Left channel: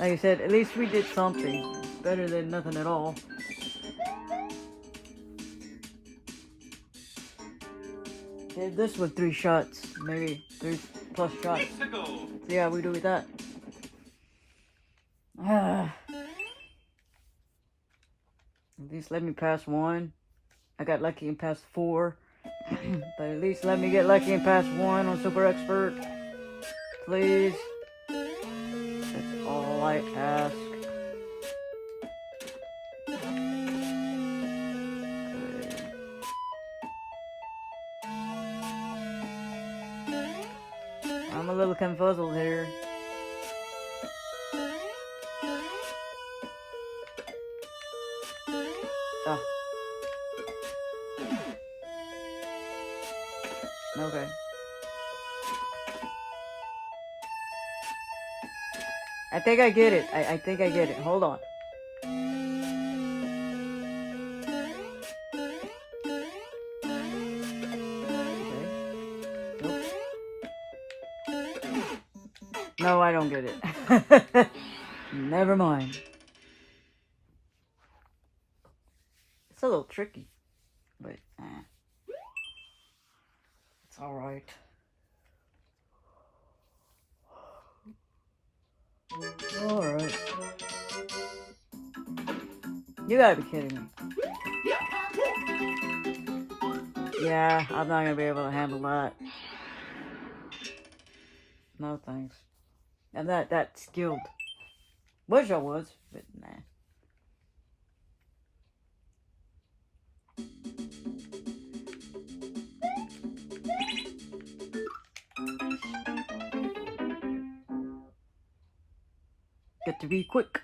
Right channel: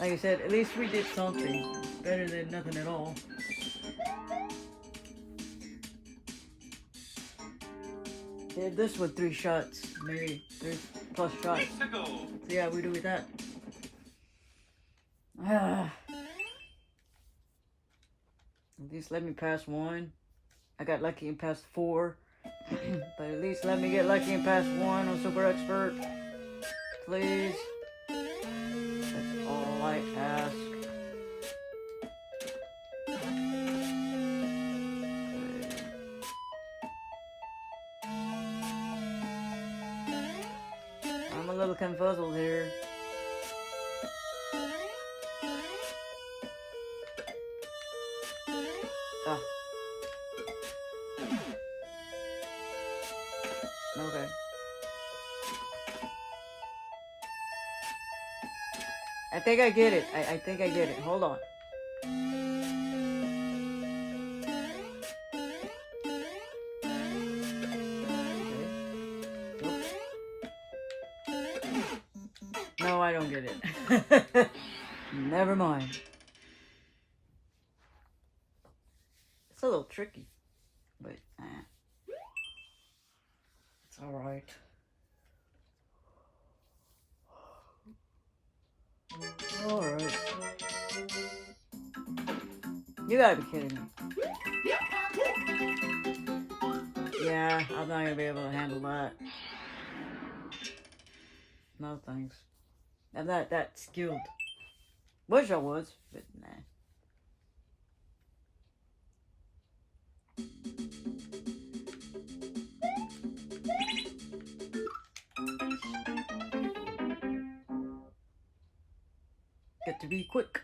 Like I said, at least we did something. Better than nothing at all. Give this one 3 shots. Maybe 3 plus shots. Yeah, we do with that. At least let me pass 1. I got lucky and passed 4. But at least let me get lucky and pass 1 on Super Expert. Please. That's all I ask. I'm a little confuzzled here. Oh. Okay. I think I get it. I think I get it. Hold on. No, I don't get it. Never mind. It's a little tricky, but it's all right. All right. You gotta be kidding me. Yeah, I'm not gonna be able to handle that. No thanks. I'm not that skilled. Wish I was, but nah. Got to be quick.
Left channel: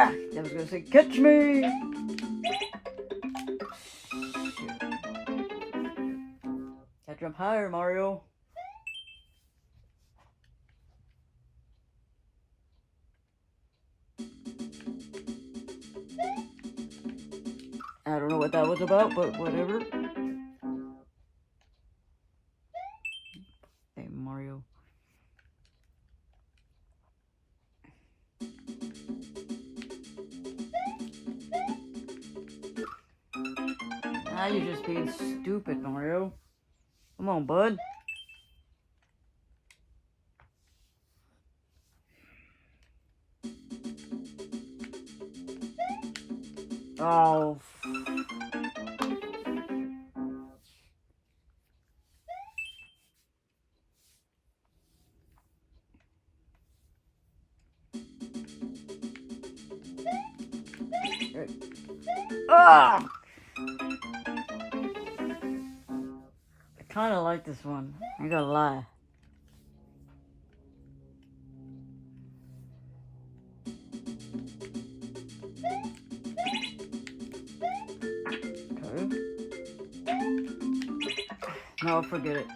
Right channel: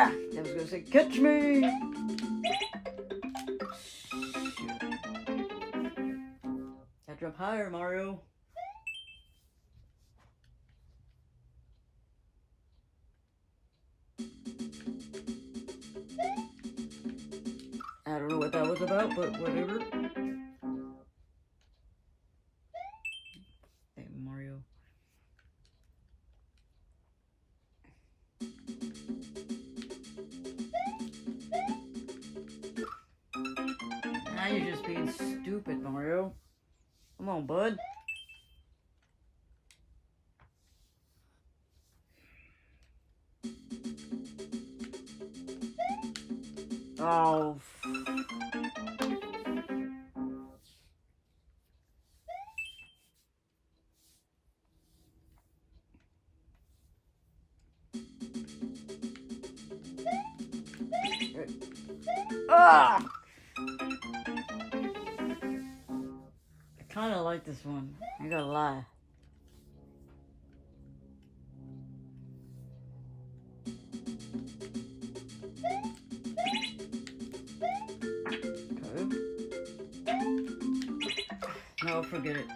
I was gonna say, catch me! Gotta jump higher, Mario. I don't know what that was about, but whatever. Hey, Mario. Now you're just being stupid, Mario. Come on, bud. Oh. Ah! I kind of like this one. You gotta lie. No, forget it.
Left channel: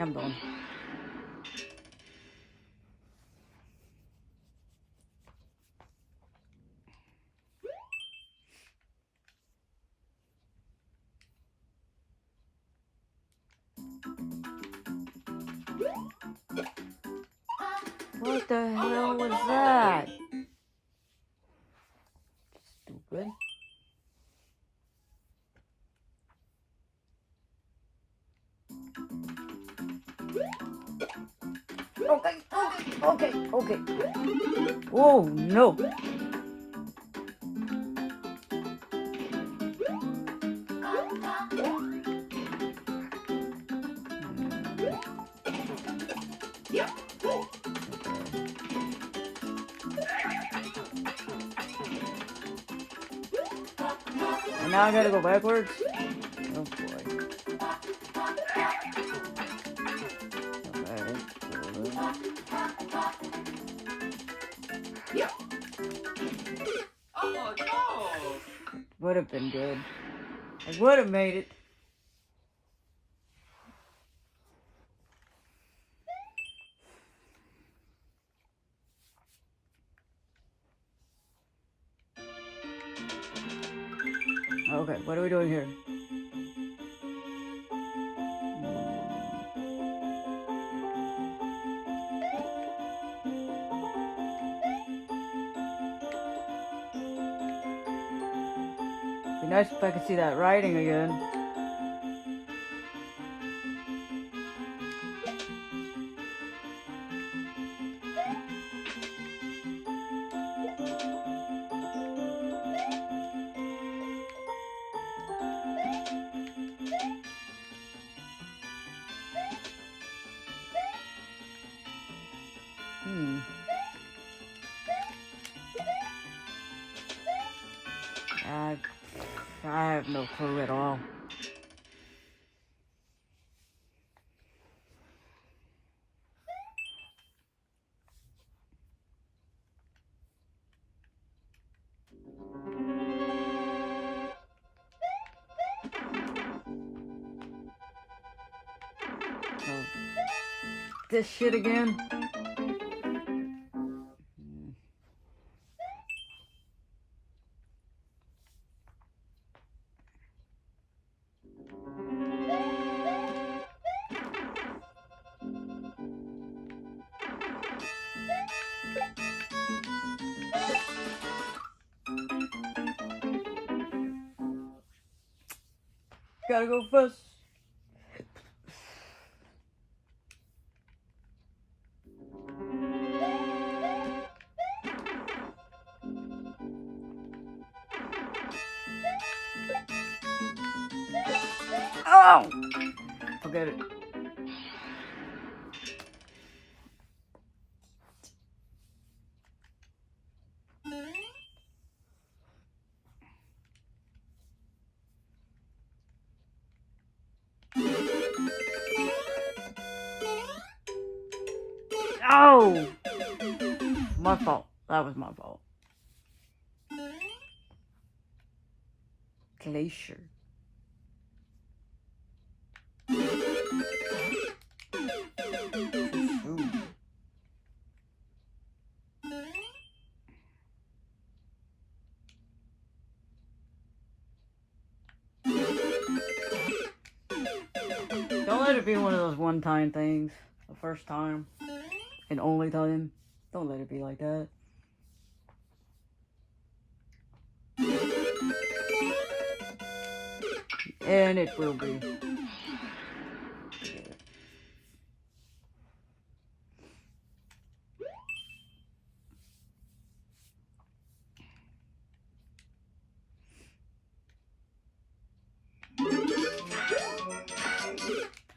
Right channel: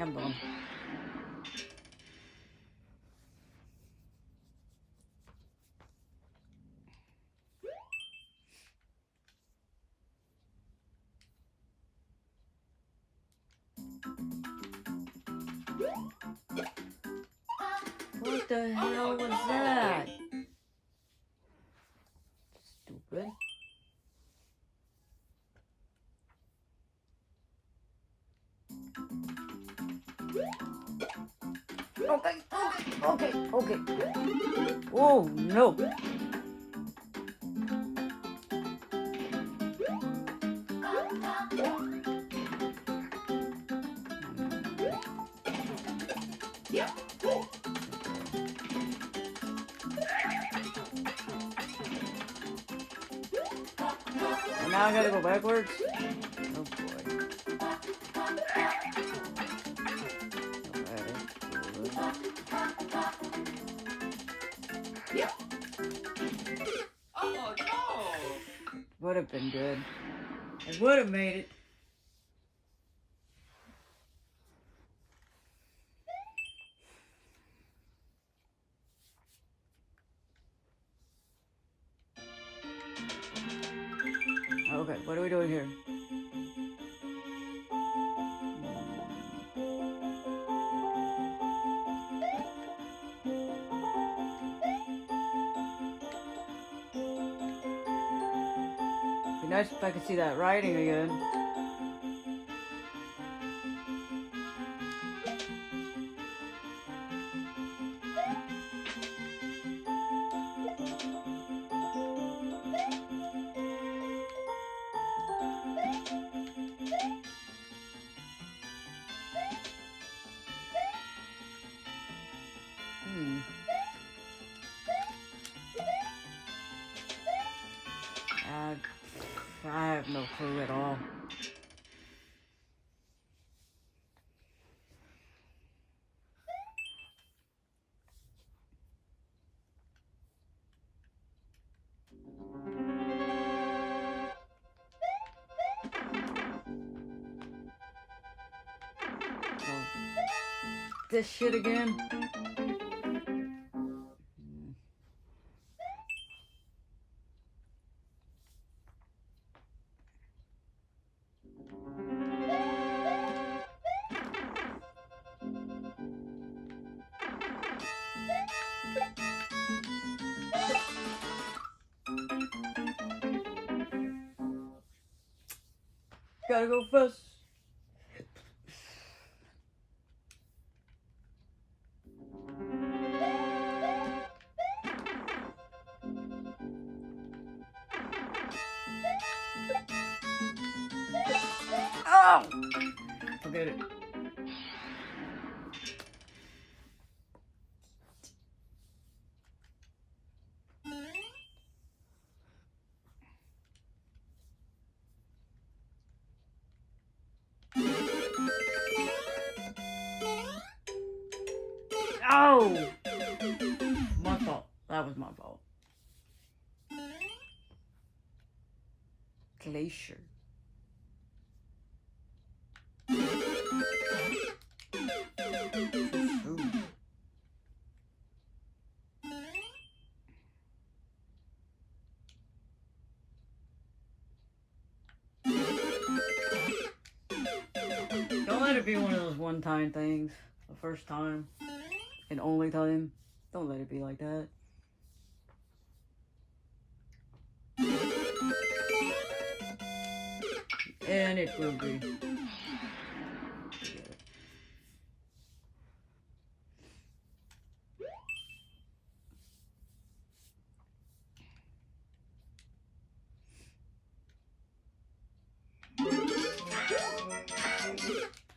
I'm done. What the hell was that? Stupid. Okay. Oh, no. Now I gotta go backwards? Oh no! Would have been good. It would have made it. Okay. what are we doing here? Be nice if I could see that writing again. I have no clue at all. This shit again? Gotta go first. Oh! Forget it. Oh! My fault. That was my fault. Glacier. Don't let it be one of those one-time things. The first time and only time. Don't let it be like that. And it will be.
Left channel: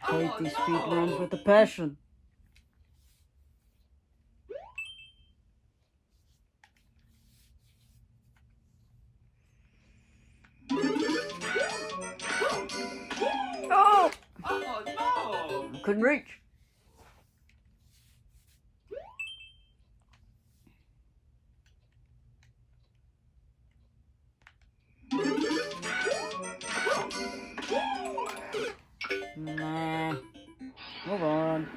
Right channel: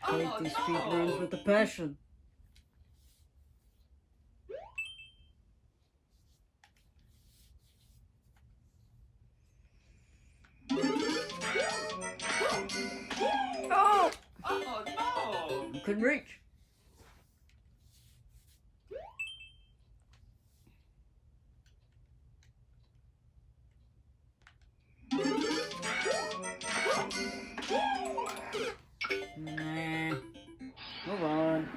Take these sweet names with the passion. Oh no! Couldn't reach. Nah. Move on.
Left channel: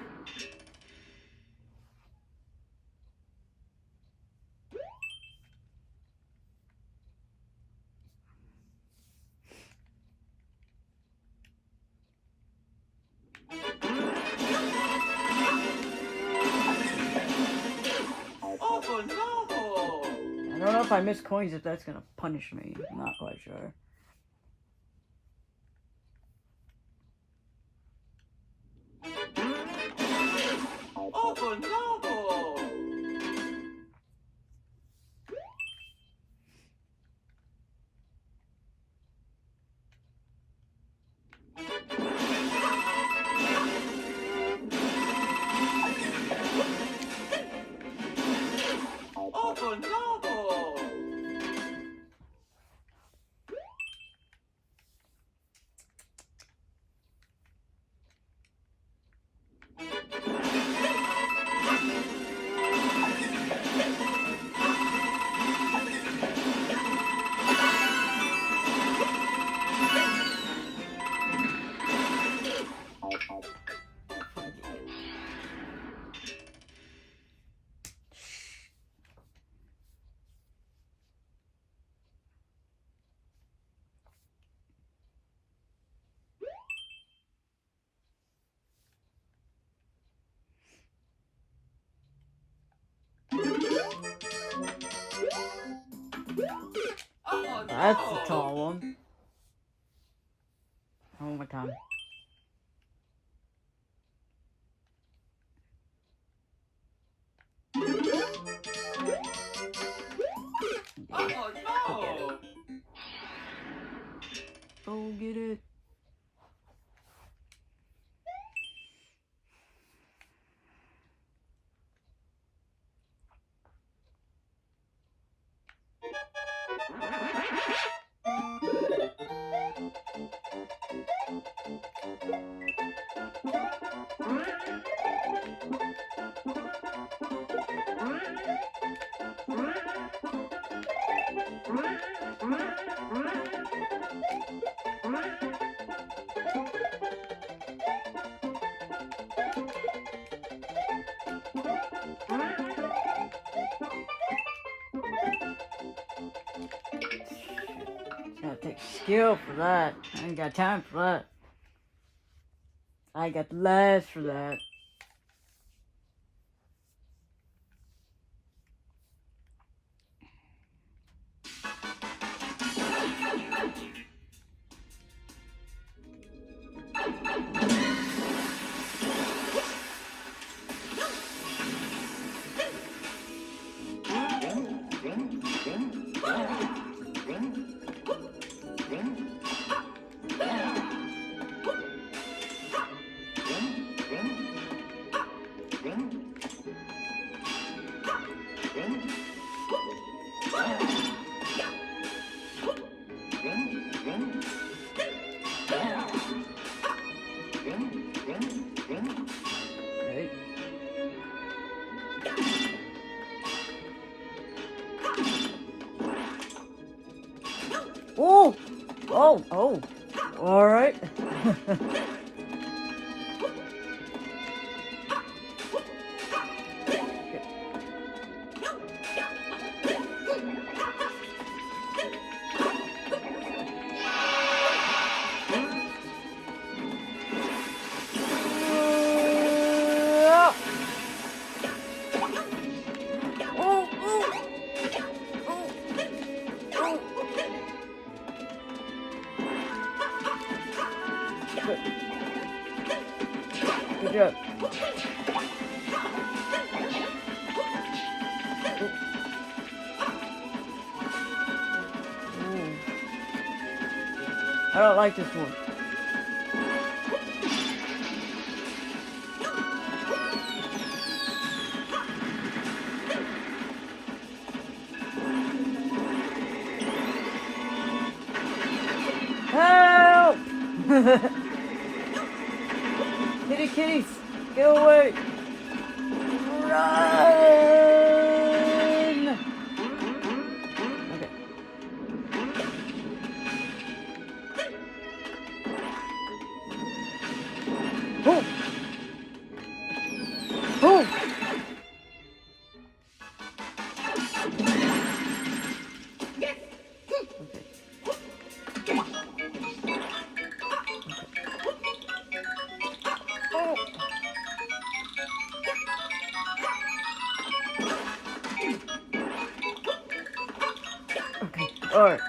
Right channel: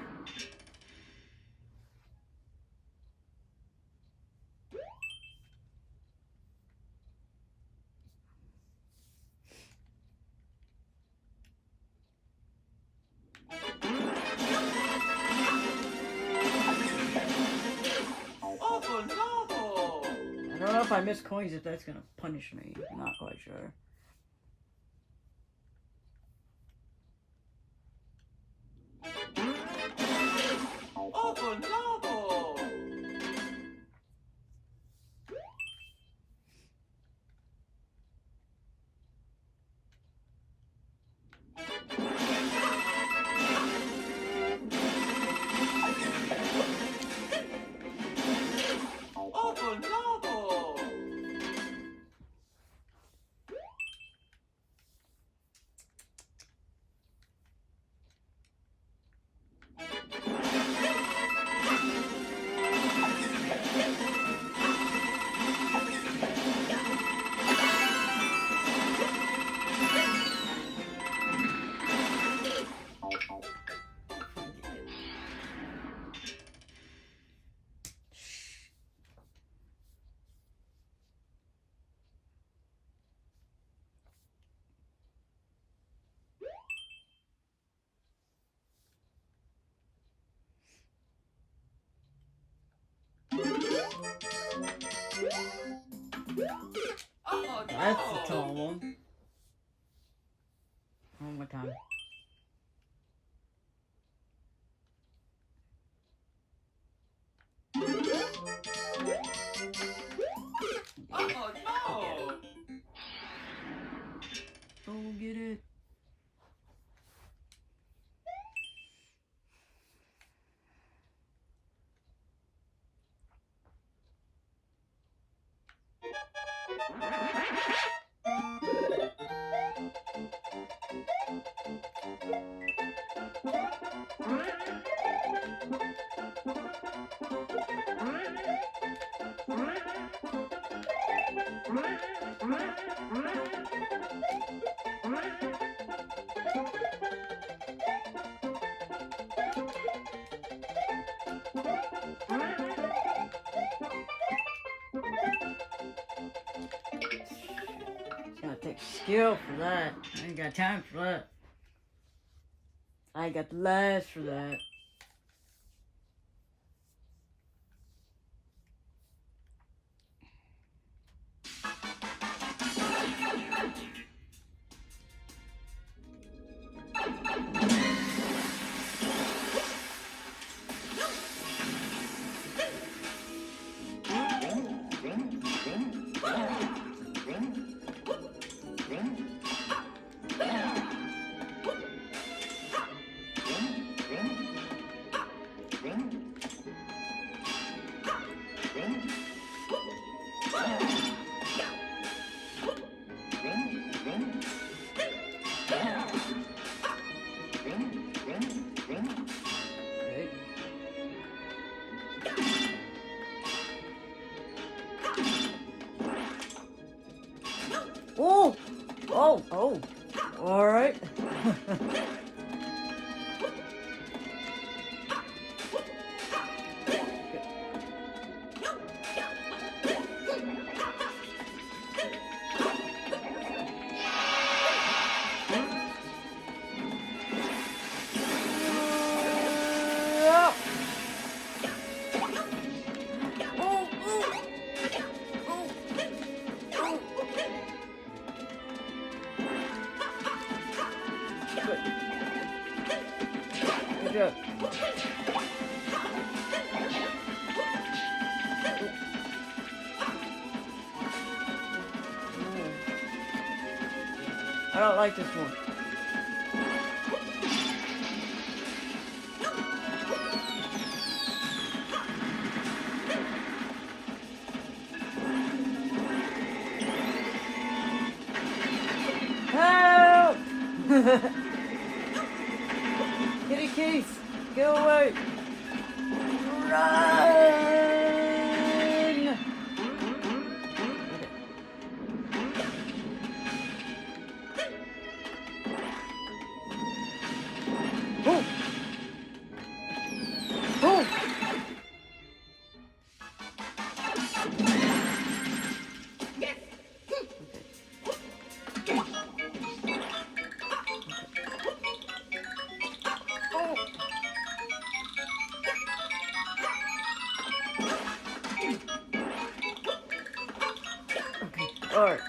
Oh no! I don't know if I miss coins, if that's gonna punish me. I'm not quite sure. Oh no! Oh no! Oh That's the no! tall one. One more time. Oh no! Oh, get it. It's gonna take skill for that. I ain't got time for that. I ain't got the legs for that. Right. Oh! Oh! Oh! Alright. Good job. I don't like this one. Help! Kitty kitties, get away! Run! Alright.